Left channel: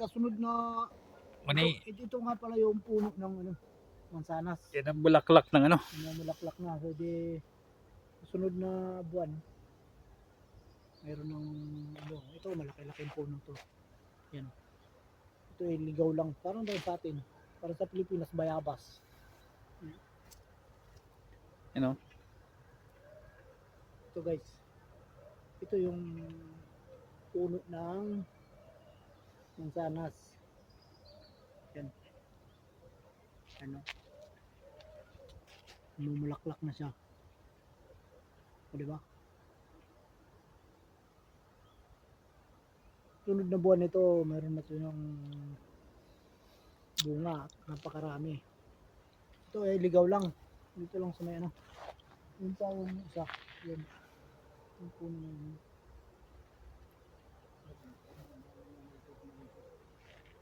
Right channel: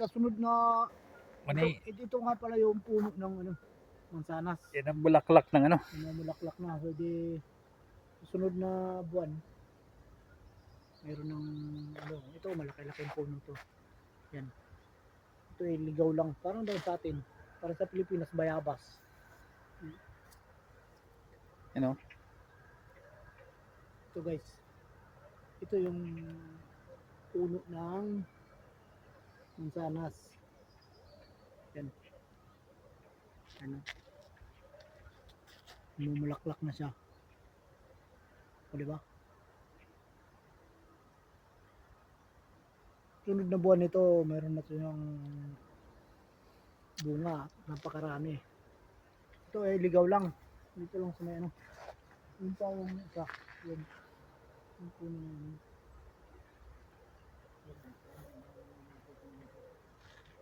sa sunod na Mani, ito nga pala yung puno ng ano, mansanas. yan ang bulaklak ng ano. Namulaklak na. So di susunod na buwan mayroon ng ano, ito malaki-laki yung puno to. Yan. Ito ay ligaw lang. Parang daw sa atin. Para sa Pilipinas, bayabas. Ano? Ito guys. Ito yung puno ng mansanas. Yan. Ano? Namumulaklak na siya. O diba? Sunod na buwan nito, mayroon na ito yung bunga. Napakarami. Ito ay ligaw lang. Dito lang sa may ano. Yung pa yung isa. Yan. Yung puno na yun.